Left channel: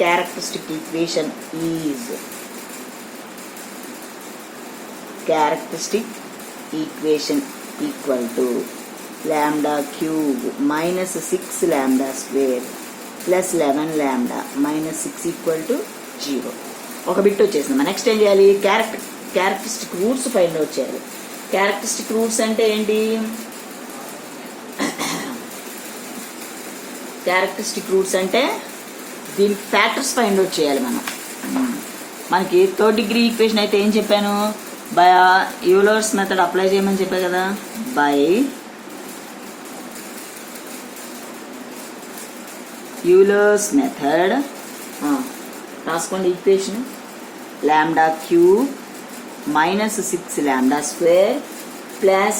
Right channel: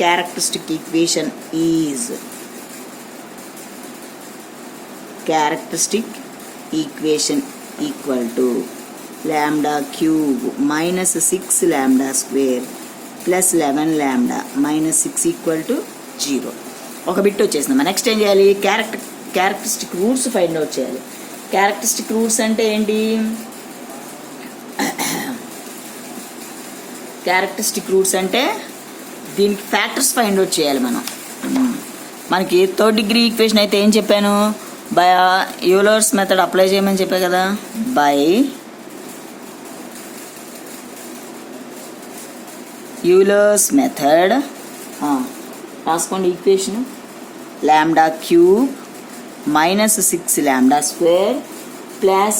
characteristic equation is equal to lambda cube minus 6 lambda square plus 11 lambda minus 6 equal to 0. ఒక బిట్ వచ్చేసింది. నెక్స్ట్ ఏం చేయాలి? Characteristic roots find out చేయాలి. Characteristic roots అంటే ఏంటి? క్యారెక్టరిస్టిక్ రూట్స్ అంటే దీనికి ఫ్యాక్టర్స్ ఫైండ్ అవుట్ చేయాలి మనం. మనకి థర్డ్ డిగ్రీ ఈక్వేషన్ అయితే ఏం చెప్పాను? బై యూలర్స్ మెథడ్ అప్లై చేయమని చెప్పా కదా. బై యూలర్స్ మెథడ్ రాసుకోండి equation. Lambda cube minus 6 lambda square plus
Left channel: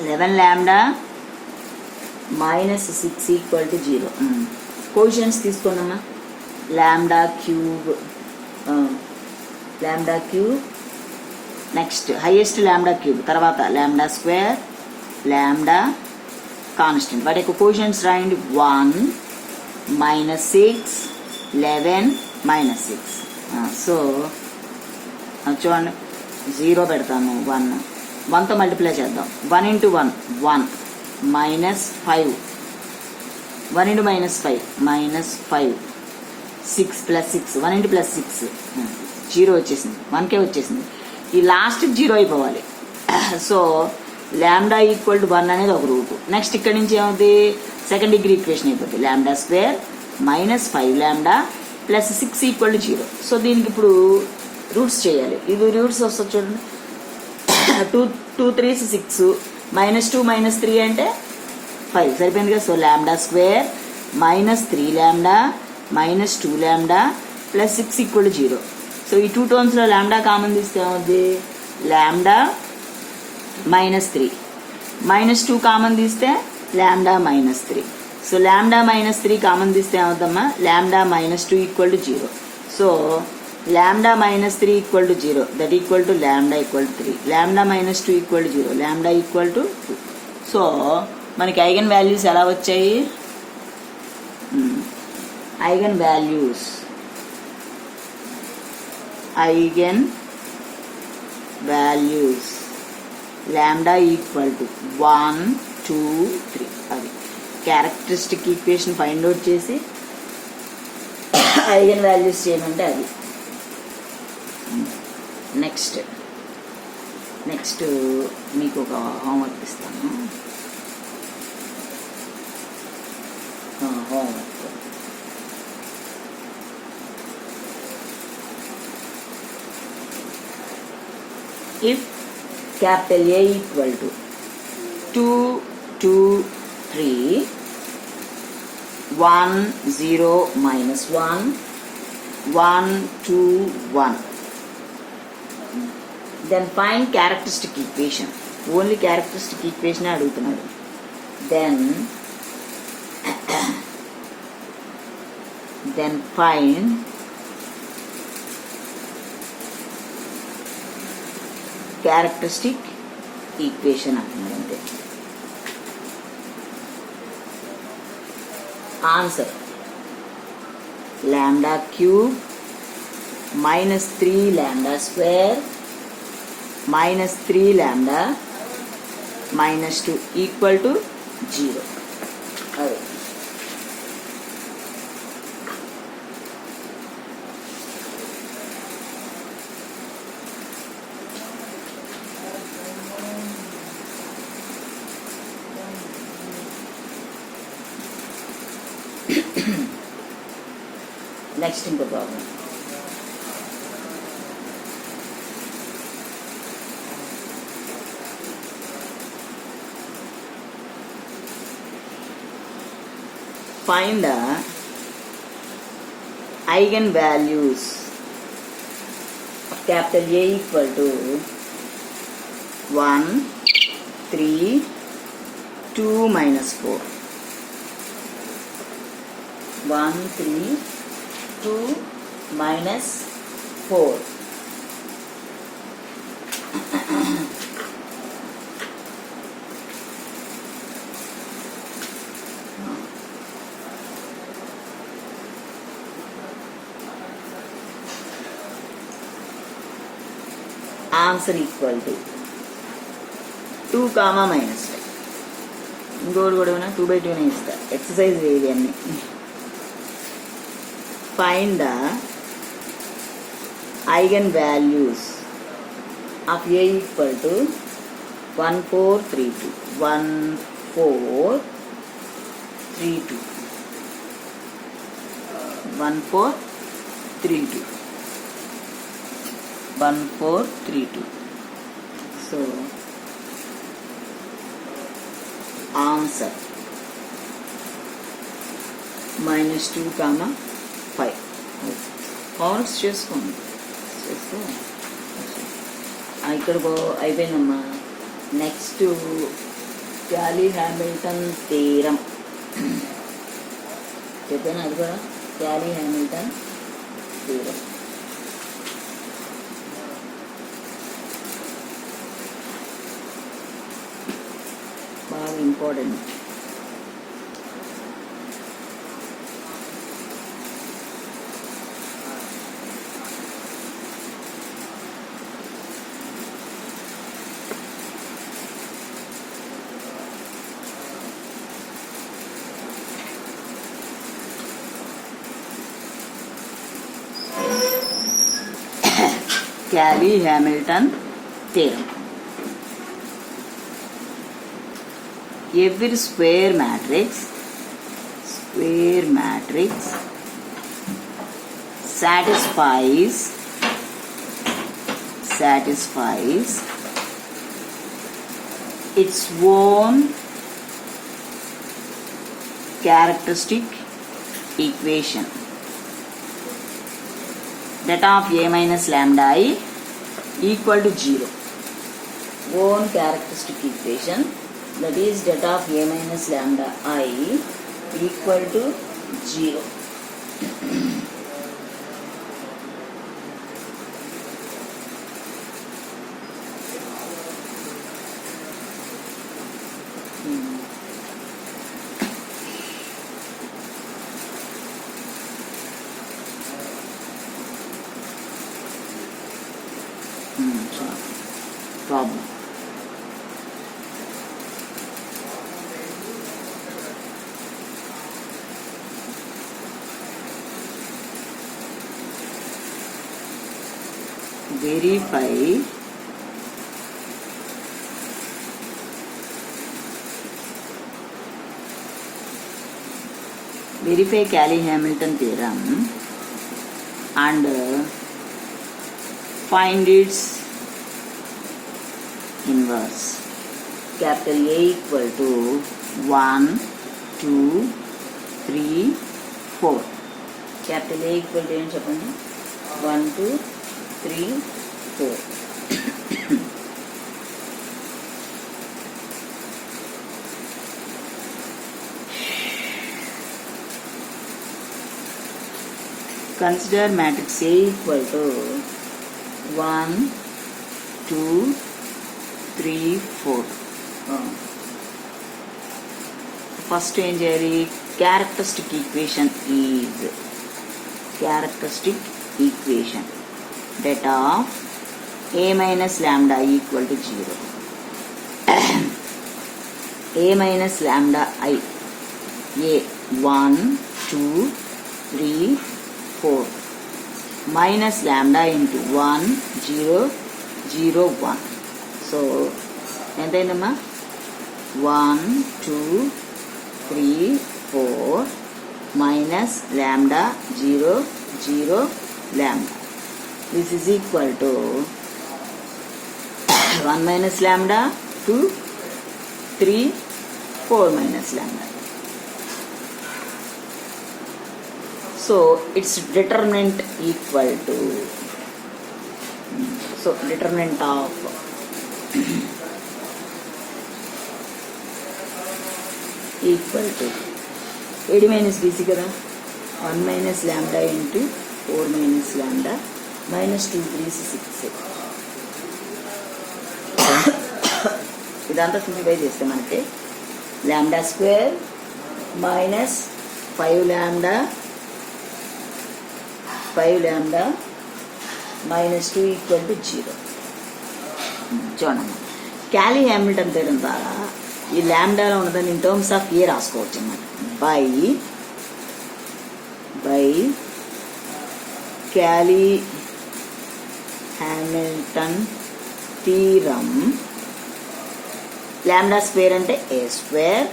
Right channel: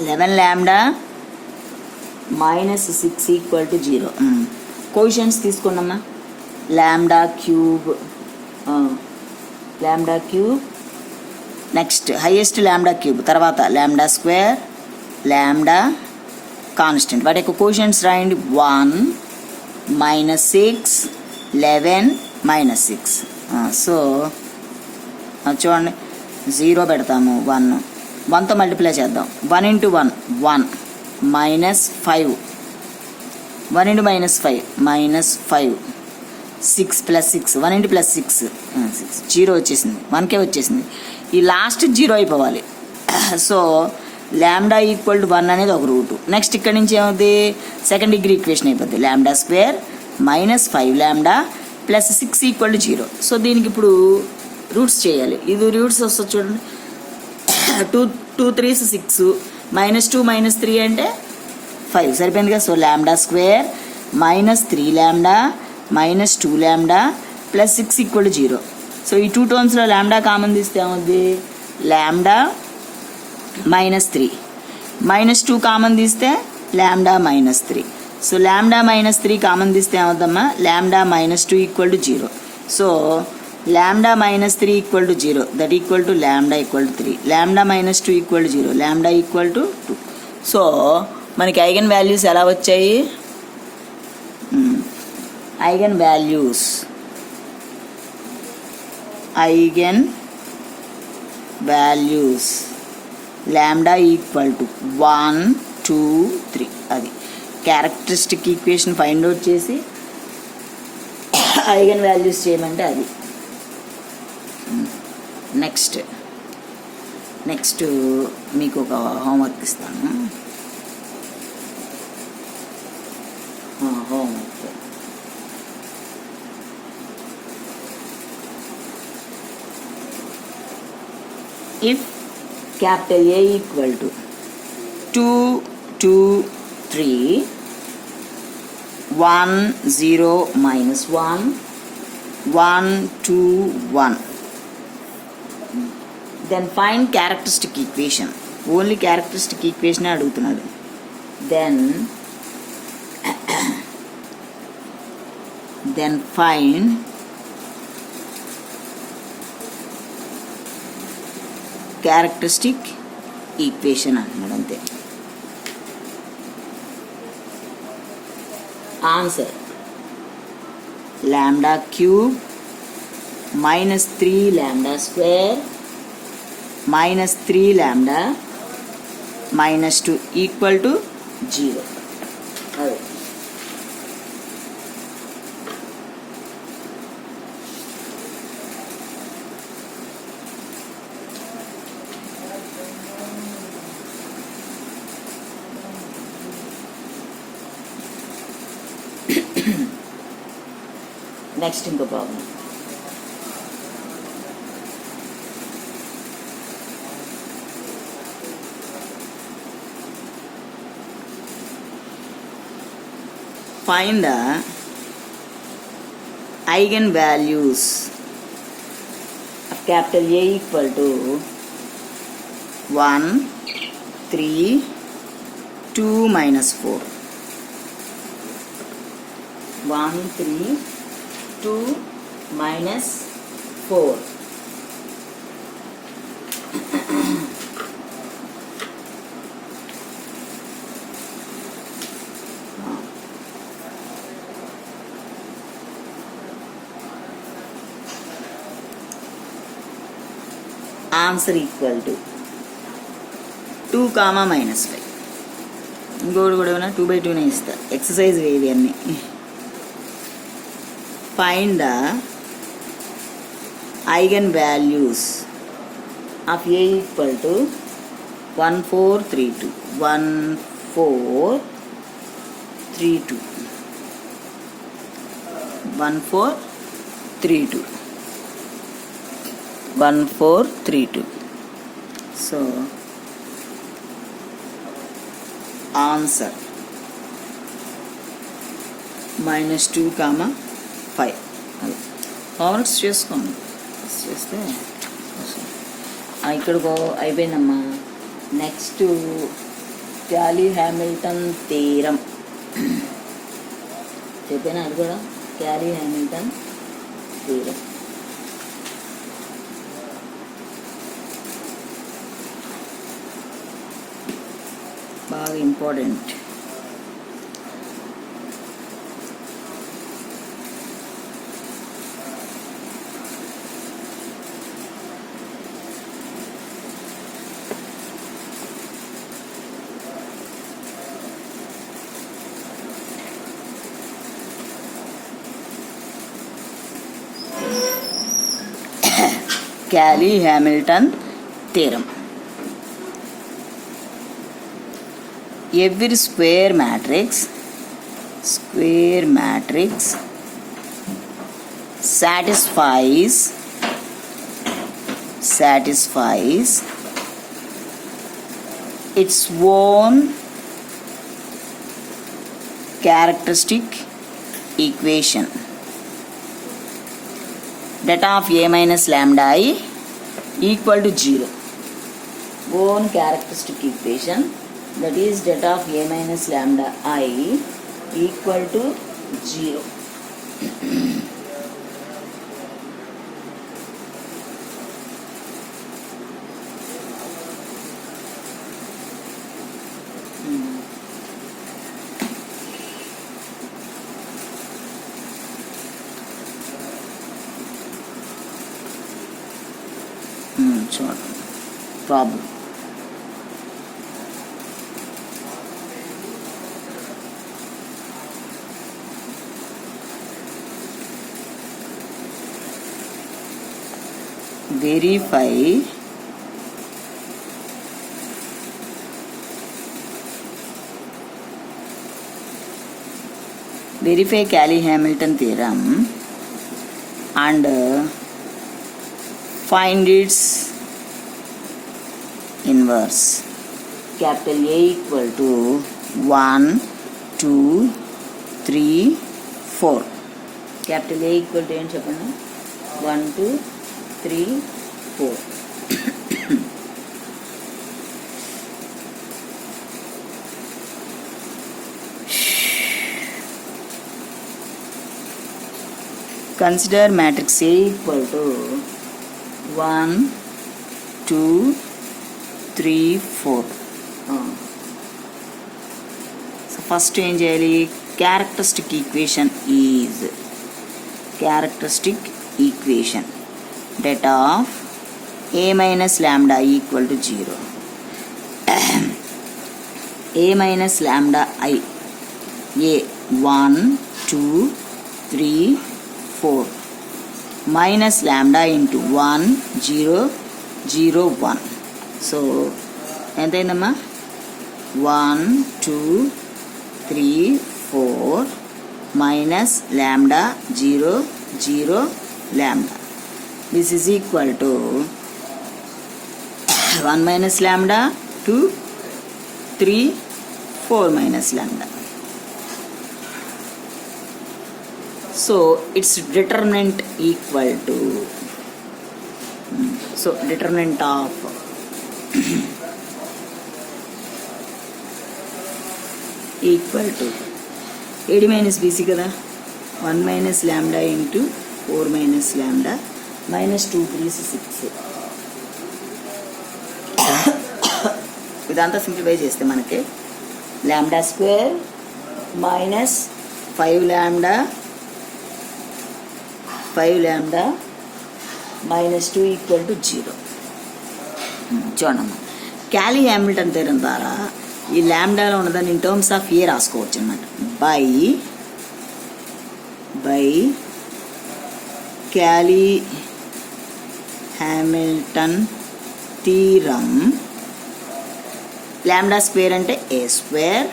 11 lambda minus 6 equal to 0. కోషన్స్ తీసుకోండమ్మా. Lambda cube next highest lambda cube, తర్వాత లాంబ్డా స్క్వేర్, లాంబ్డా కాన్స్టెంట్. వాటి యొక్క కోషన్స్ రాయండి. 1 minus 6 11 minus 6. సో చూడండి 0 పెడతాము. 1తో మల్టిప్లై చేద్దాం. 1 into 1 1 minus 5 1 into minus 5 minus 5 6 plus 6 1 into plus 6 0 వచ్చేసింది. 1కే వచ్చేసింది. ఈ లాస్ట్ 0 అయిపోవాలి. సో లాంబ్డా ఈక్వల్ టు 1 అనేది ఒక రూట్. నెక్స్ట్ ఇక్కడ నుంచి ఏమవుతుంది? సెకండ్ డిగ్రీ ఈక్వేషన్ అయిపోద్ది. Lambda square minus 5 lambda plus 6 equal to 0. సో దీనికి ఇప్పుడు రూట్స్ చేయాలి. ఇది రూట్స్ వస్తుంది చూడండి. 2 3s 6 -2 -3 అంటే 5 సరిపోయింది కదా. So lambda square minus 3 lambda minus 2 lambda plus 6 equal to 0. So ఈ 2 టర్మ్స్లో లాంబ్డా కామన్ తీస్తే ఏమవుద్ది? లాంబ్డా మైనస్ 3 -2 కామన్ తీస్తే lambda minus 3. So lambda minus 3 common తీస్తే ఏమవుద్దమ్మా? Lambda minus 2 equal to 0. So lambda minus 3 equal to 0, that equal to lambda equal to 3. Lambda minus 2 equal to 0, lambda equal to 2. సో మనకి eigen values ఎలా వచ్చాయి? Eigen values lambda equal to 1 2 3. అది characteristic equation find out చేసి eigen values చేయమంటే అది. నెక్స్ట్ మీకు ఒక హోంవర్క్ ఇస్తాను. Homework if capital A equal to 2 2 3 1 0 minus 1 1 2 1, then find characteristic equation. Only characteristic equation అడుగుతున్నాడు. then find క్యారెక్టరిస్టిక్ ఈక్వేషన్ అంటున్నాడు అంతే. Answer lambda cube minus 3 lambda square minus 3 lambda minus 2 equal to 0. Next in the problem. Find the eigenvalues of capital A equal to 1, 3, 2 minus 4. 1, 3, 2 minus 4. Answer equal to 2, -5. ఇంకోటి కూడా 2/2 ఇస్తా. ఎక్సర్సైజ్ వేవి అన్ని. Find the eigen values of A equal to 1432. 1432. 1432. 1432. So answer -2, -5. కాన్వర్ట్స్ చేసుకోండి. చేస్తే ఇక్కడ అయిపోయిందమ్మా. నెక్స్ట్ క్యాలీ హ్యామిల్టన్ థీరం చెప్పాను. అది కూడా క్యాలీ హ్యామిల్టన్ థీరం. బాగా important. Cayley Hamilton theorem. Every square matrix satisfies its own characteristic equation. That of A minus lambda I equal to 0. Own characteristic equation, that is that of A minus lambda I equal to 0. Problem. Verify Cayley Hamilton theorem and find its inverse. Capital A equal to 1, 2, 3, 4. Capital A equal to ఏంటి చెప్పండి? 1, 2, 3, 4. Consider matrix A equal to 1, 2, 3, 4. So first ఏం చేయాలి? Characteristic equation that of A minus lambda equal to 0. A minus lambda I, A 1, 2, 3, 4 minus lambda into 1, 0, 0, 1. So ఎంత అయిందమ్మా? 1, 2, 3, 4 minus lambda 0, 0, lambda. This is equal to 1 minus lambda, 2, 3, 4 minus lambda. So its determinant equal to, so determinant of equal to AD minus BC kada, 1 minus lambda into 4 minus lambda minus 2, 3, 6. ఇదంతా సింప్లిఫై చేస్తే మనకి lambda square minus 5 lambda minus 2 equal to 0. చూడండి, క్యాలీ Hamilton theorem ద్వారా ఈ ల్యాండాలో ఉన్నదాన్ని in terms of A రాసుకోవచ్చు అనమాట. By Cayley Hamilton theorem lambda square అంటే ఏ స్క్వేర్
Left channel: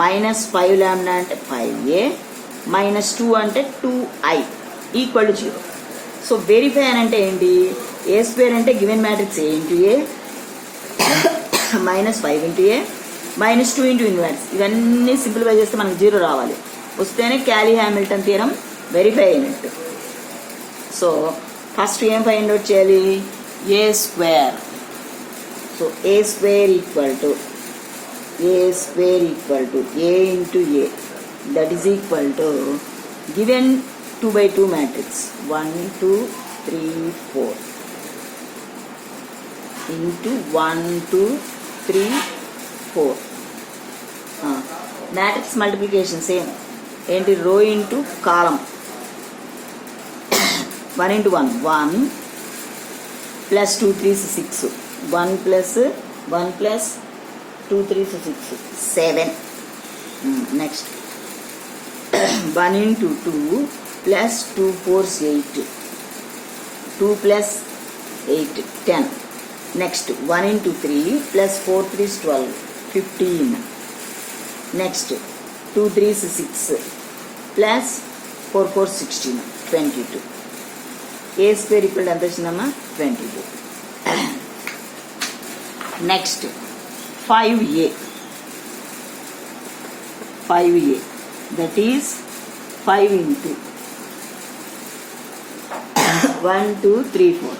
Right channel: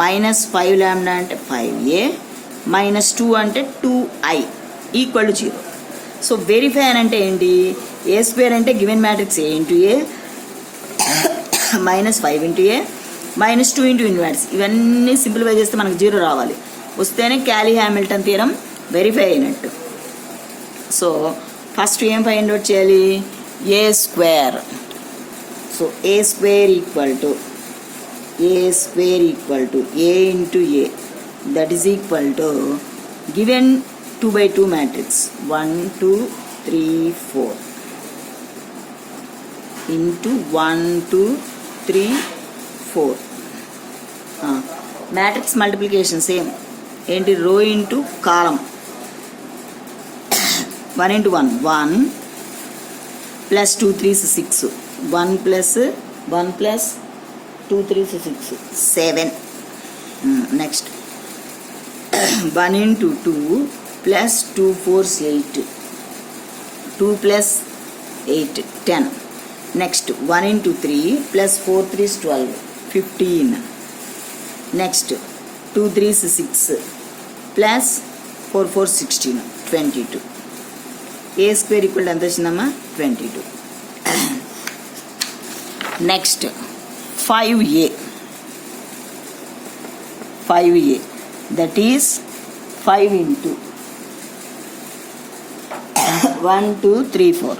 మైనస్ 5 లాంబ్డా అంటే 5a మైనస్ 2 అంటే 2i equal to 0. So verify అని అంటే ఏంటి? ఏ స్క్వేర్ అంటే given matrix A into A minus 5 into A minus 2 into inverse. ఇవన్నీ సింప్లిఫై చేస్తే మనకు 0 రావాలి. వస్తేనే క్యాలీ హ్యామిల్టన్ థియరం వెరిఫై అయినట్టు. సో ఫస్ట్ ఏం ఫైండ్ అవుట్ చేయాలి? A square. So A square equal to a into a, that is equal to given 2 by 2 matrix 1 2 3 4 into 1 2 3 4 matrix multiplication same ఏంటి? row into column 1 into 1 plus 2 3 6 1 plus 2 3 6 7. Next 1 into 2 plus 2 4 8 2 plus 8 10. Next 1 into 3 plus 4 3 12 15. Next 2 3 6 plus 4 4 16 22. A square equal ఎంత వచ్చిందమ్మా? 22. Next 5a, that is 5 into 1 2 3 4,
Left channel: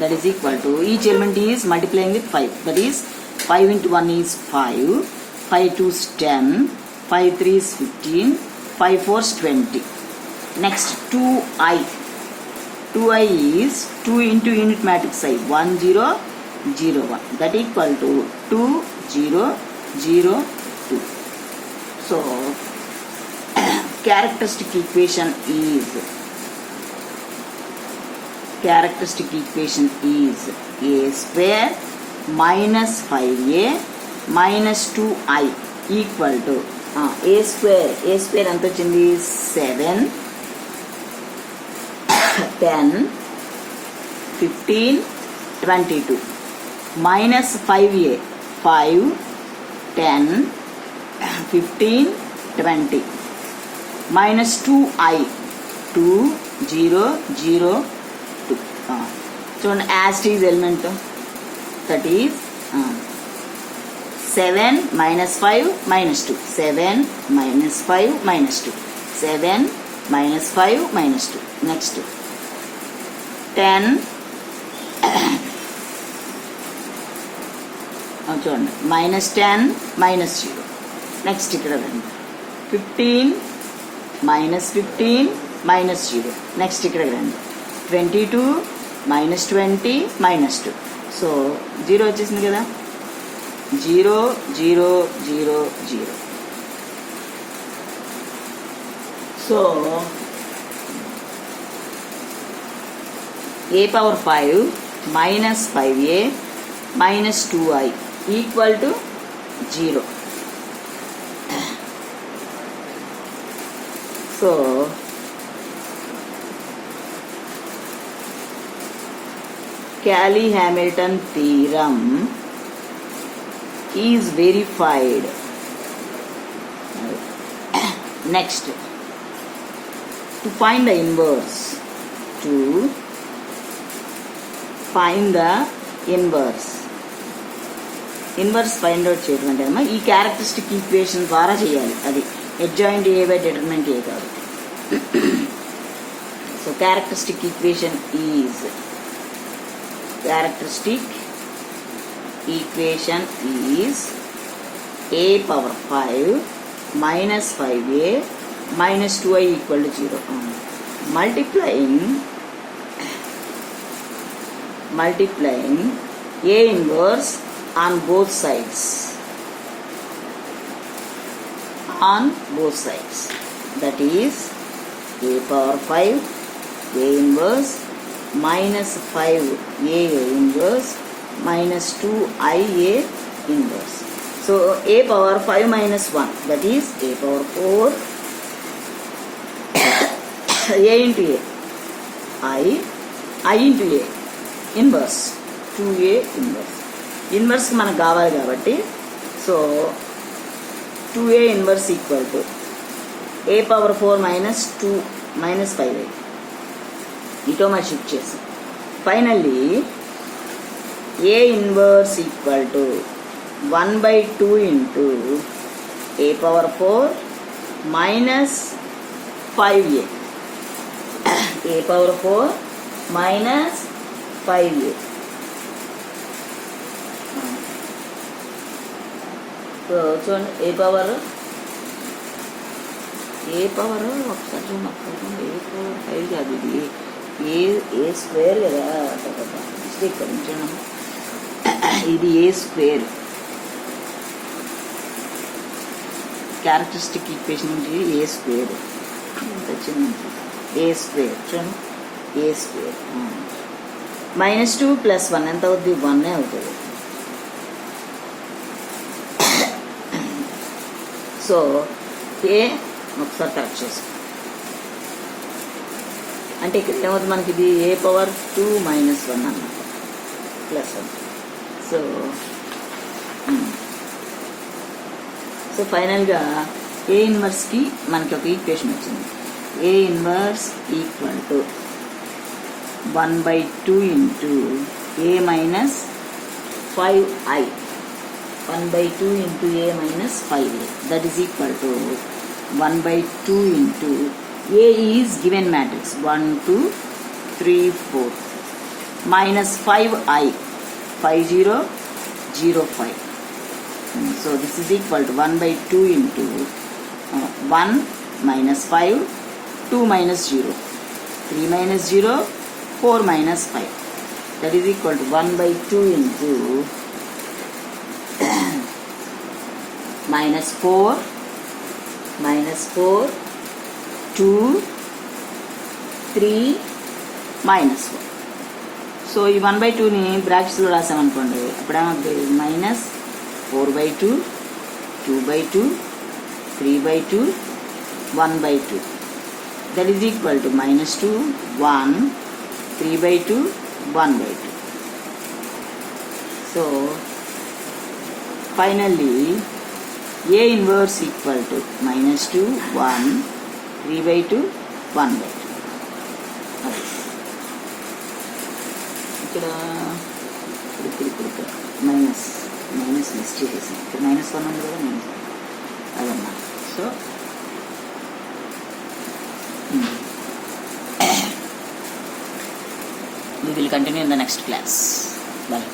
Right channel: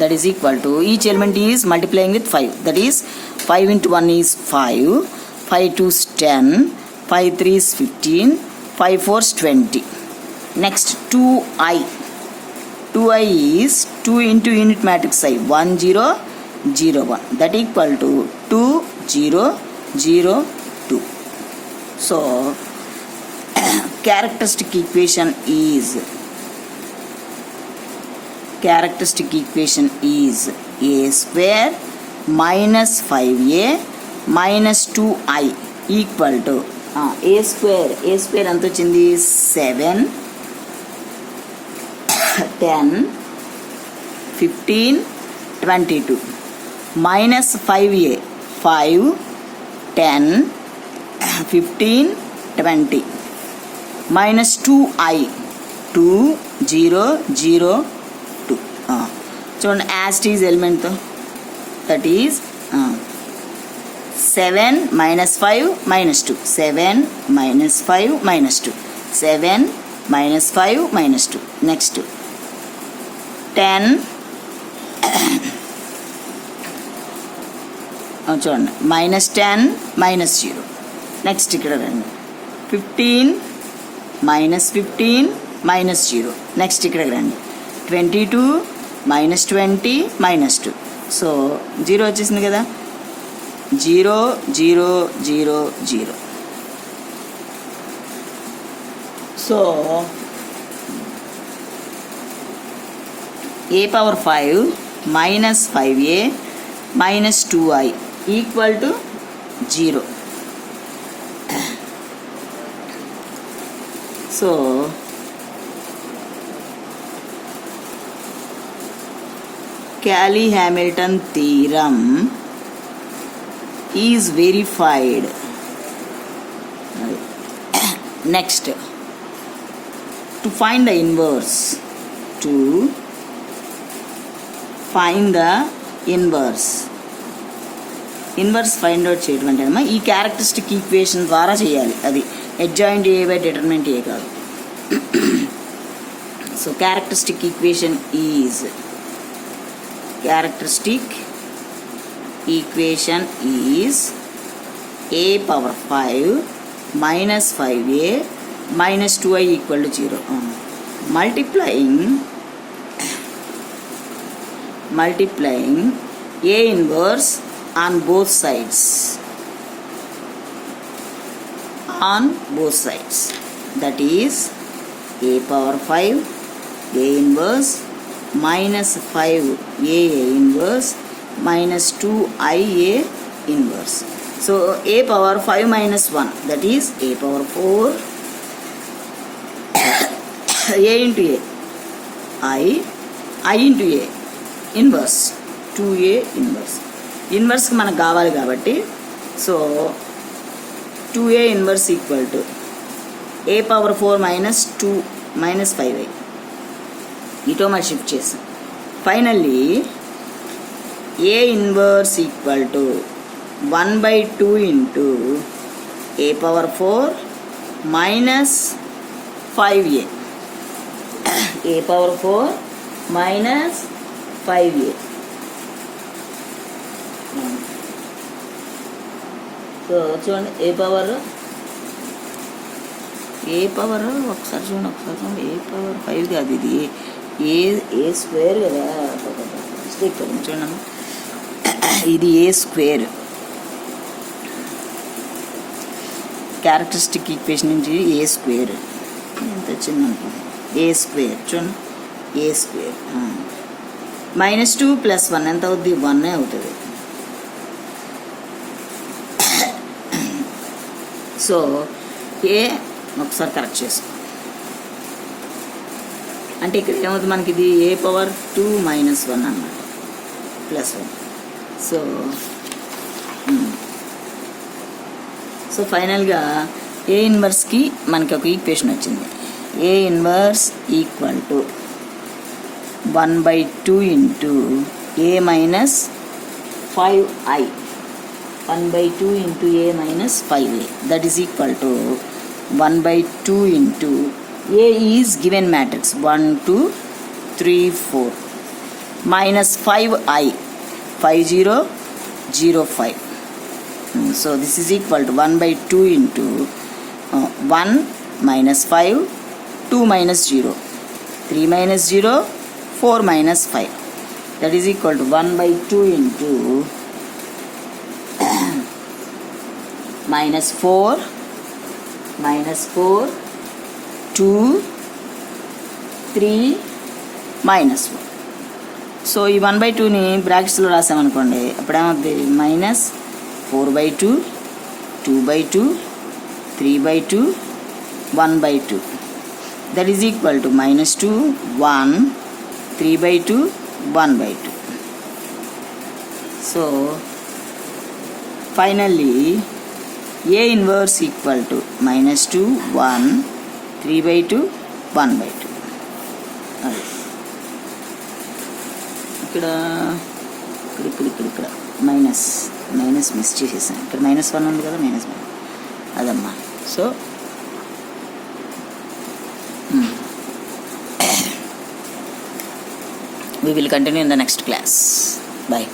that is equal to each element is multiplying with 5, that is 5 into 1 is 5, 5 2 is 10, 5 3 is 15, 5 4 is 20. Next 2i is 2 into unit matrix I 1 0 0 1, that equal to 2 0 0 2. So characteristic equation is a square minus 5a minus 2i equal to a square ఎంత వచ్చింది? 7 10 15 22 minus 5a 5 10 15 20 minus 2i 2 0 0 2. చూడండి as it is element, that is 7 minus 5 minus 2 7 minus 5 minus 2 7 minus 5 minus 2. Next 10 చూడండి మైనస్ 10 మైనస్ 0. నెక్స్ట్ ఇక్కడ రండి 15 మైనస్ 15 మైనస్ 0. నెక్స్ట్ ఇక్కడ రండి 22 మైనస్ 20 మైనస్ 2. సో 0 వచ్చేసింది కదా, 0 0 0 0. So a power 5 minus 5a minus 2i equal to 0. So Cayley-Hamilton theorem is verified. Next, to find the inverse, inverse find out చేయడం అంటే అమ్మా ఈ క్యారెక్టరిస్టిక్ ఈక్వేషన్ ద్వారా చేయాలి. అది అడ్జాయింట్ ఏ బై డిటర్మినెంట్ ఏ కాబట్టి. So characteristic equation is a power 5 minus 5a minus 2i equal to 0. Multiplying a inverse on both sides. That is a power 5 a inverse minus 5a inverse minus 2ia inverse. So a power 5 minus 1, that is a power 4 a into a I into a inverse 2a inverse. ఇన్వర్స్కి మనకు కావాలి కాబట్టి so 2a inverse equal to a power 4 మైనస్ 2 minus 5a ఇటో మరి షిఫ్ట్ చేసి finally a inverse equal to 1/2 into a power 4 minus 5a a power 4 minus 5a. So చూడండి ఏ పవర్ ఒకసారి చూడండి, ఒకసారి ఏ పవర్ 5 కాదు, ఇది ఏ స్క్వేర్ కదా, మిస్టేక్ చూడండి, ఇది ఏ స్క్వేర్. క్యారెక్టరిస్టిక్ ఈక్వేషన్ నుంచి ఏ స్క్వేర్ ఎంత వచ్చింది, ఏ స్క్వేర్ చూడండి, ఏ స్క్వేర్ -2 + 1 ఎంత అవుద్ది, 1 అవుతుంది. సో ఏ ఒకసారి కరెక్ట్ చేసుకో అంటే ఇక్కడ ఏమవుతుంది మనకి, ఇది ఏ పవర్ 2 - 1 అన్నమాట +1. సో ఫైనల్గా ఏ ఇన్వర్స్కి మనకి ఒక ఈక్వేషన్ వచ్చింది. ఏ inverse equal to 1/2 into a minus 5i 1/2 into a minus 5a, that is equal to 1/2 into a is given matrix 1 2 3 4 minus 5i 5005. So this is equal to 1/2 into 1 minus 5, 2 minus 0, 3 minus 0, 4 minus 5, that is equal to 1/2 into -4, 2, 3, -1. సో ఈ 1/2ని బ్రాకెట్స్లో రాసామనుకోండి, అప్పుడు ఏమవుతుంది, -4/2, 2/2, 3/2, 1/2, that is equal to -2, 1, 3/2, 1/2. So finally a inverse equal to -2, 1, 3/2, 1/2. ఇక్కడ minus miss చేసేసాను, ఇక్కడ -1 ఉంది కదా, -1 అదమ్మా. So we will continue in the next class. Bye.